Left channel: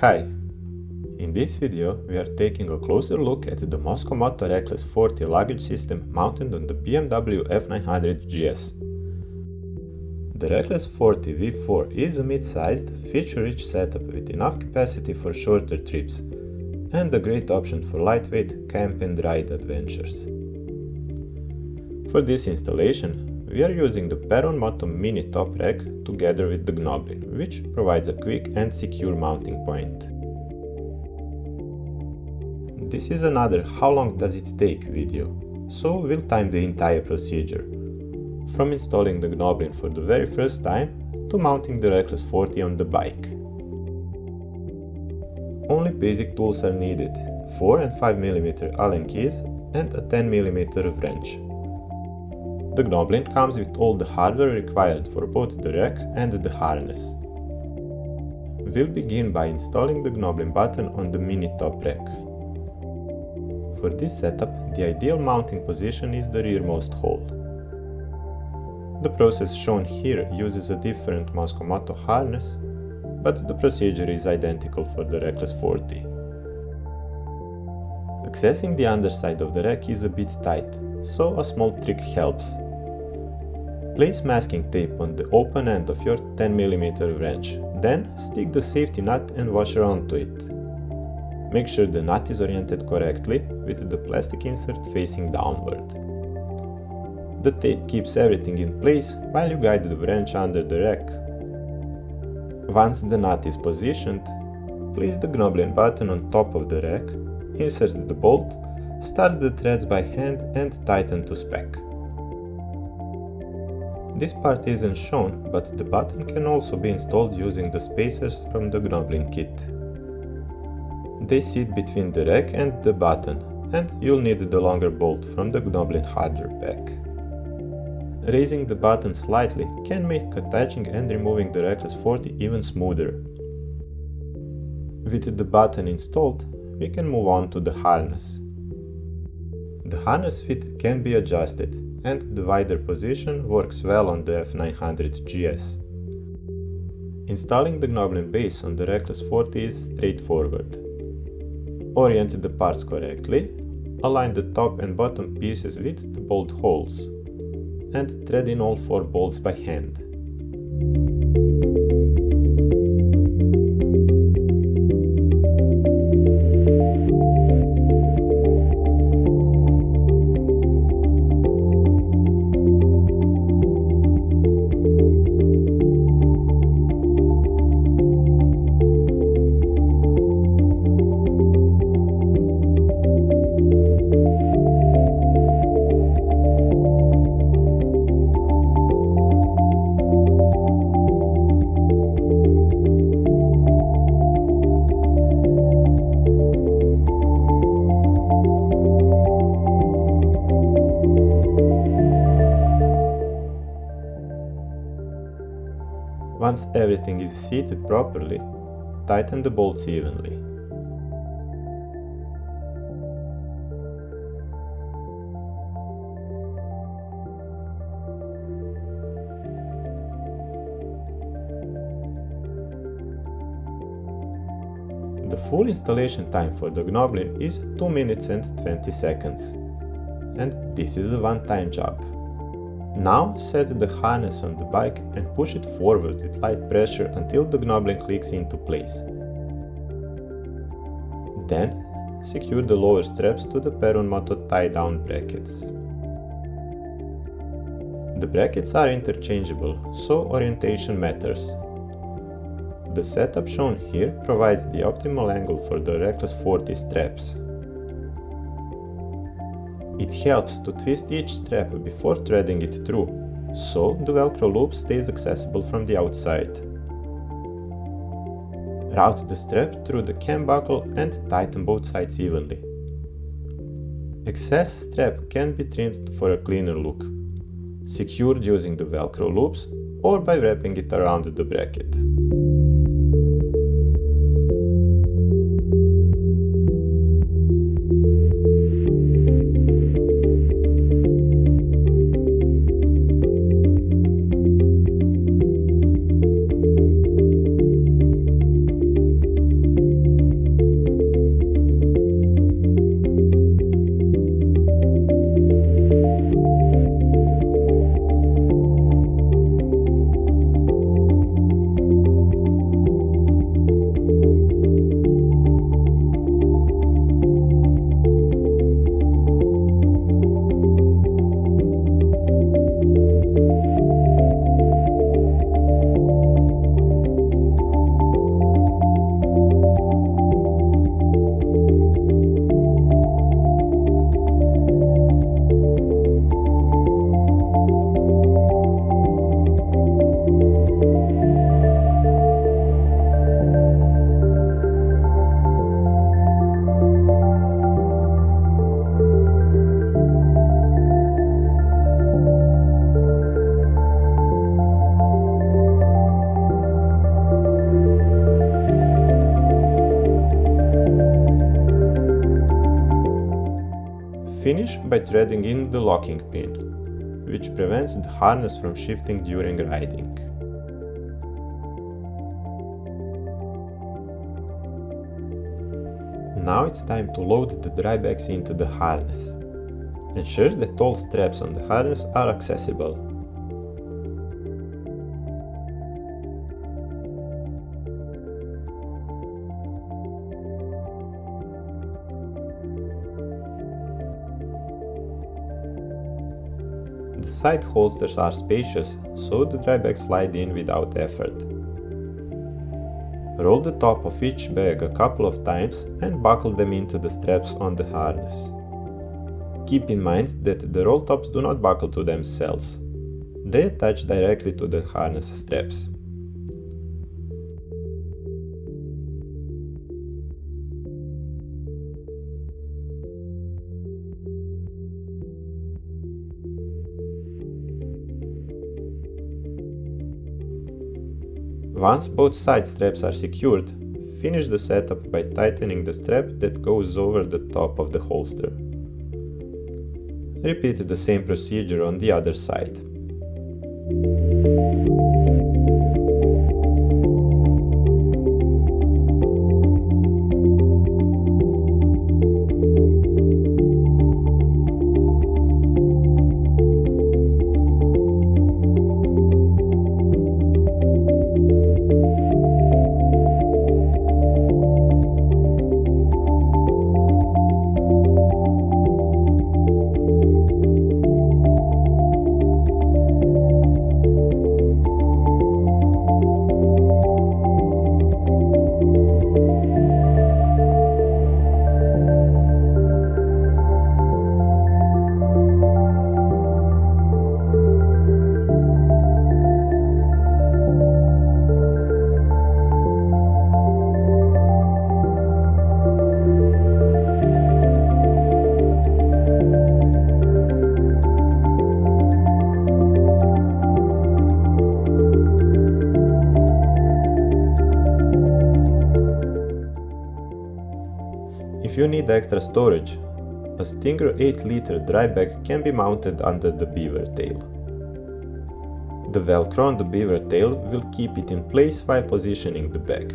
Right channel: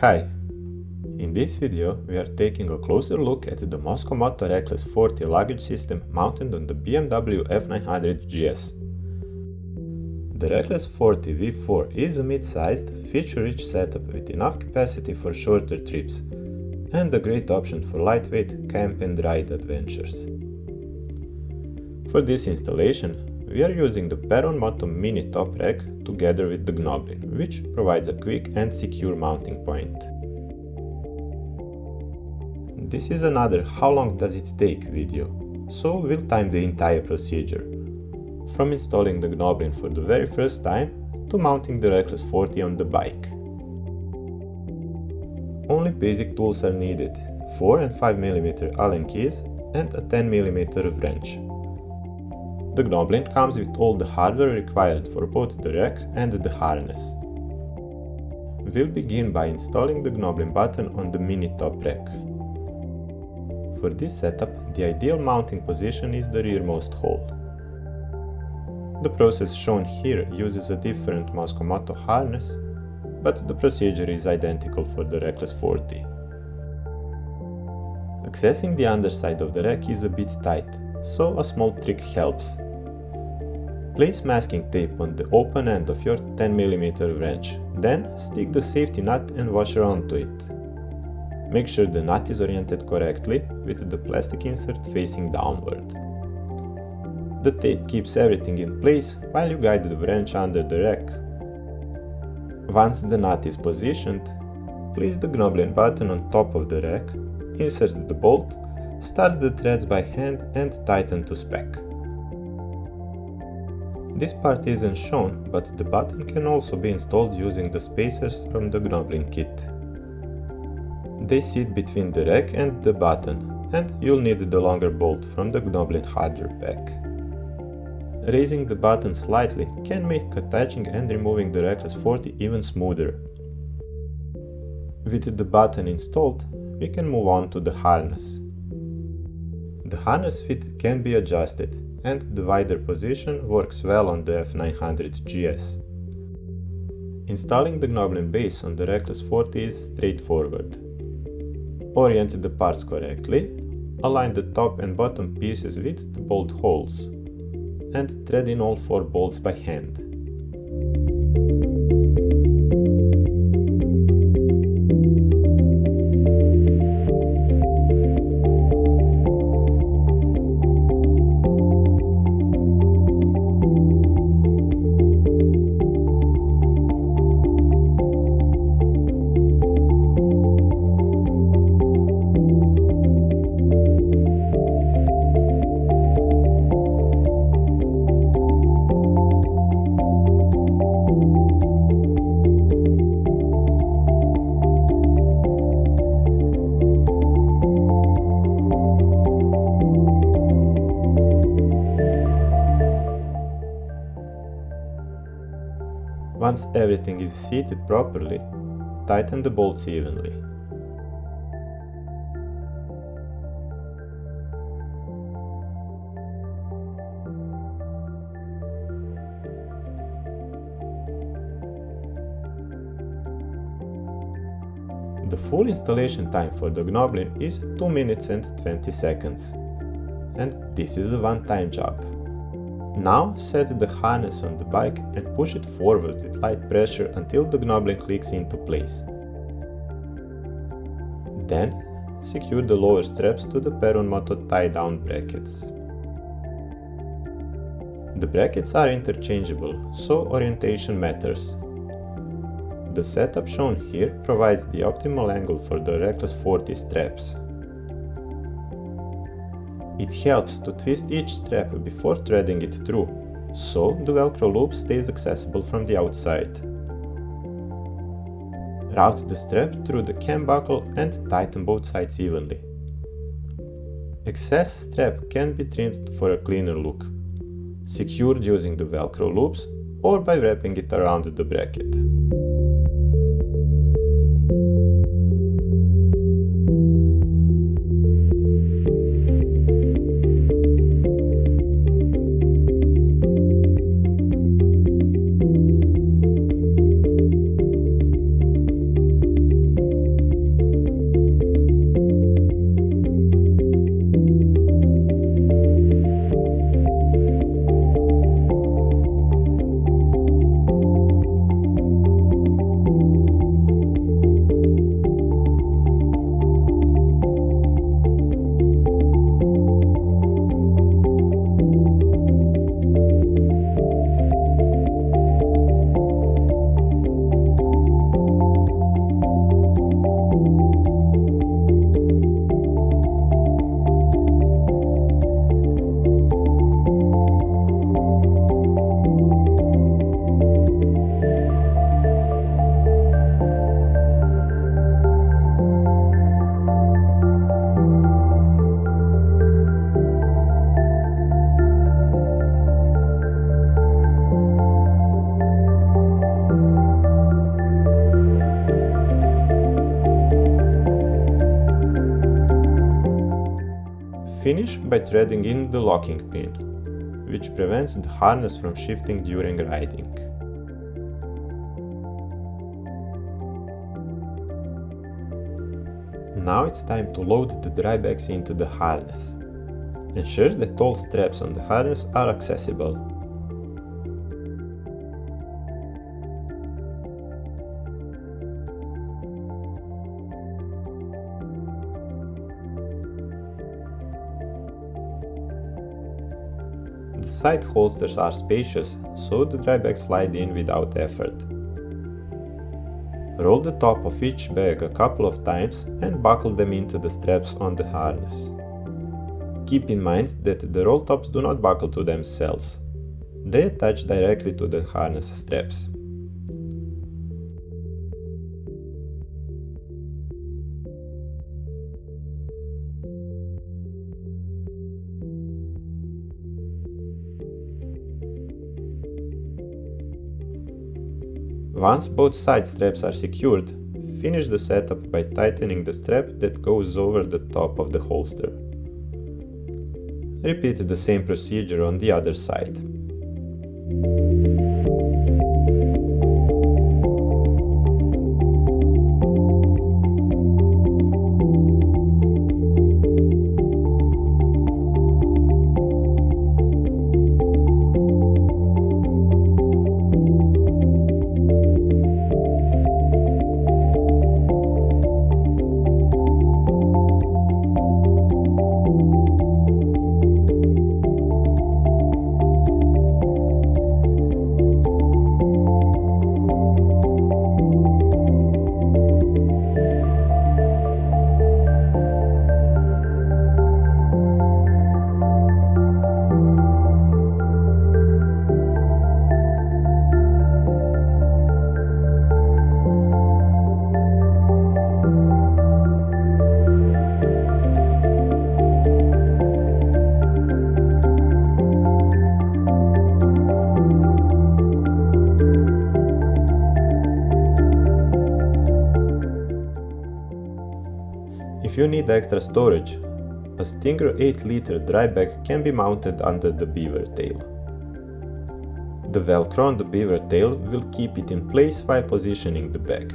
Hi! In this video we are taking a closer look at the Mosko Moto Reckless 40 luggage system mounted on the BMW F900GS. The Reckless 40 V4 is a mid-sized, feature-rich setup with enough capacity for shorter trips and a great option for lightweight camp and ride adventures. For this installation, we are using the Perun Moto mini top rack together with the Gnoblin, which provides a quick and secure mounting point. This is another "how long does it take" video, so we'll time the entire procedure, from installing the Gnoblin for the very first time to mounting the Reckless 40 on the bike. Only basic tools are needed: 4 and 5 mm Allen keys and a 10 mm wrench. The Gnoblin comes with all the hardware required for both the rack and the harness. We'll begin by installing the Gnoblin button on the mini top rack. For this setup, the ideal mounting position is the rearmost hole. The process shown here uses a different Mosko Moto harness, but the procedure is identical for the Reckless 40. Accessing the underside of the rack is a bit tight, so a small trick helps. Place masking tape on the open end of your 10 mm wrench, then stick the safety nut and washer onto it. Make sure the nut is oriented correctly, with the plastic insert facing downward. The tape keeps everything in place while you guide the wrench under the rack. Once the nut is positioned, place the Gnoblin button on top of the rack, insert the bolt, start the threads by hand and tighten to spec. This part isn't shown, but the button can also be installed using the spacers from the Gnoblin kit. They sit between the rack and the button, and you'll need the longer bolt from the Gnoblin hardware pack. Raising the button slightly can make attaching and removing the Reckless 40 even smoother. With the button installed, we can move on to the harness. The harness fit can be adjusted, and the wider position works well on the F900GS. Installing the Gnoblin base on the Reckless 40 is straightforward. Orient the parts correctly, align the top and bottom pieces with the bolt holes, and thread in all 4 bolts by hand. Once everything is seated properly, tighten the bolts evenly. The full installation time for the Gnoblin is 2 minutes and 20 seconds. And this is a one-time job. Now set the harness on the bike and push it forward with light pressure until the Gnoblin clicks into place. Then secure the lower straps to the Perun Moto tie-down brackets. The brackets are interchangeable, so orientation matters. The setup shown here provides the optimal angle for the Reckless 40 straps. It helps to twist each strap before threading it through, so the Velcro loop stays accessible from the outside. Route the strap through the cam buckle and tighten both sides evenly. Excess strap can be trimmed for a cleaner look, secured using the Velcro loops or by wrapping it around the bracket. Finish by threading in the locking pin, which prevents the harness from shifting during riding. Now it's time to load the drybags into the harness. Ensure that all straps on the harness are accessible. The side holsters are spacious, so the drybags slide in without effort. Roll the top of each bag a couple of times and buckle them into the straps on the harness. Keep in mind that the roll tops do not buckle to themselves. They attach directly to the harness straps. Once both side straps are secured, finish the setup by tightening the strap that goes over the top of the holster. Repeat the same procedure on the other side. If you need extra storage, a Stinger 8-liter dry bag can be mounted under the beaver tail. The velcro on the beaver tail will keep it in place while positioning the bag.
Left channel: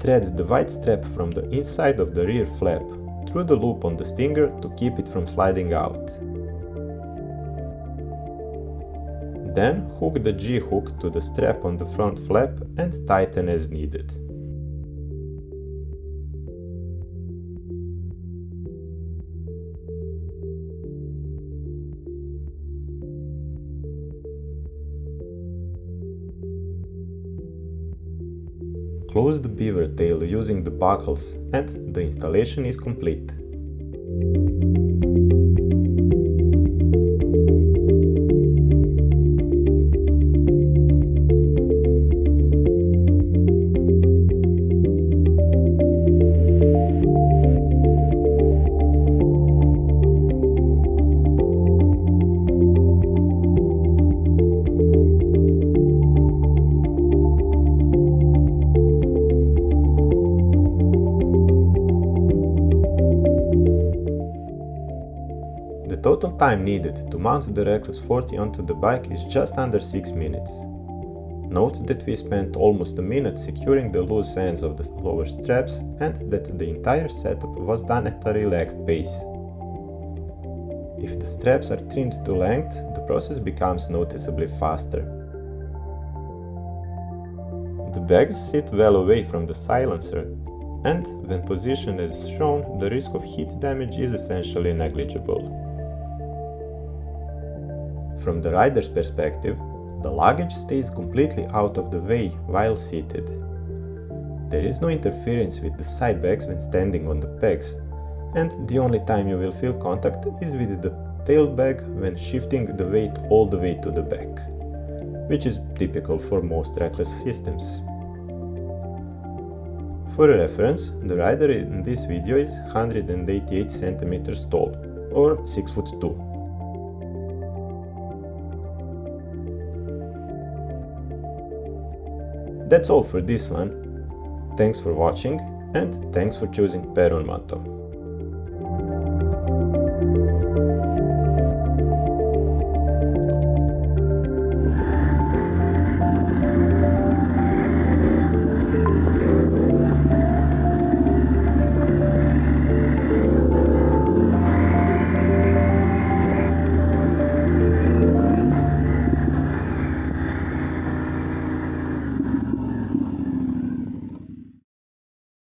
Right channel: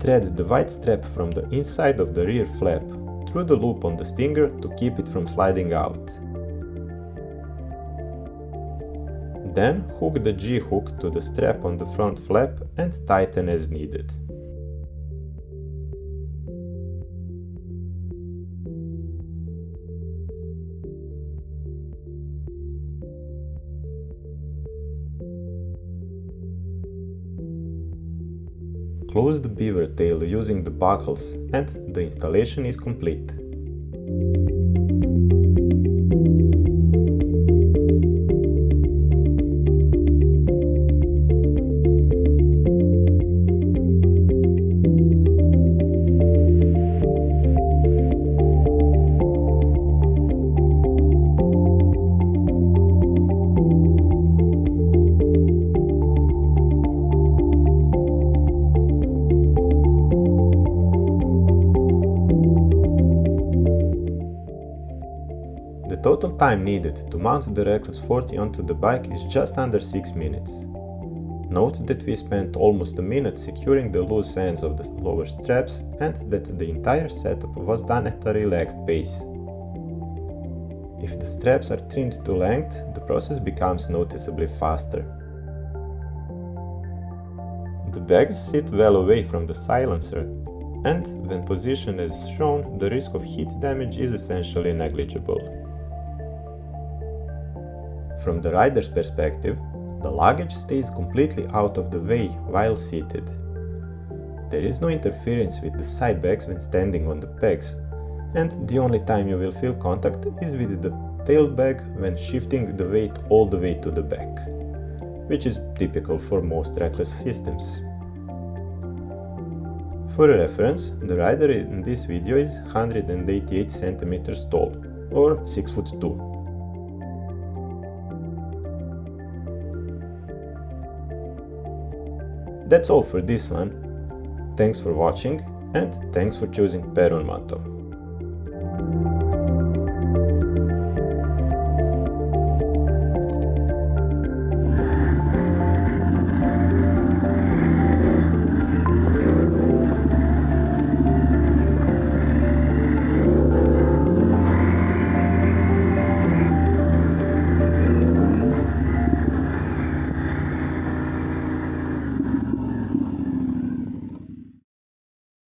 Thread the white strap from the inside of the rear flap through the loop on the Stinger to keep it from sliding out. Then hook the G-hook to the strap on the front flap and tighten as needed. Close the beaver tail using the buckles and the installation is complete. The total time needed to mount the Reckless 40 onto the bike is just under 6 minutes. Note that we spent almost a minute securing the loose ends of the lower straps and that the entire setup was done at a relaxed pace. If the straps are trimmed to length, the process becomes noticeably faster. The bags sit well away from the silencer, and when positioned as shown, the risk of heat damage is essentially negligible. From the rider's perspective, the luggage stays completely out of the way while seated. There is no interference with the side bags when standing on the pegs, and the only time you will feel contact is with the tail bag when shifting the weight all the way to the back, which is typical for most Reckless systems. For reference, the rider in this video is 188 cm tall, or 6'2". That's all for this one. Thanks for watching and thanks for choosing Perun Moto.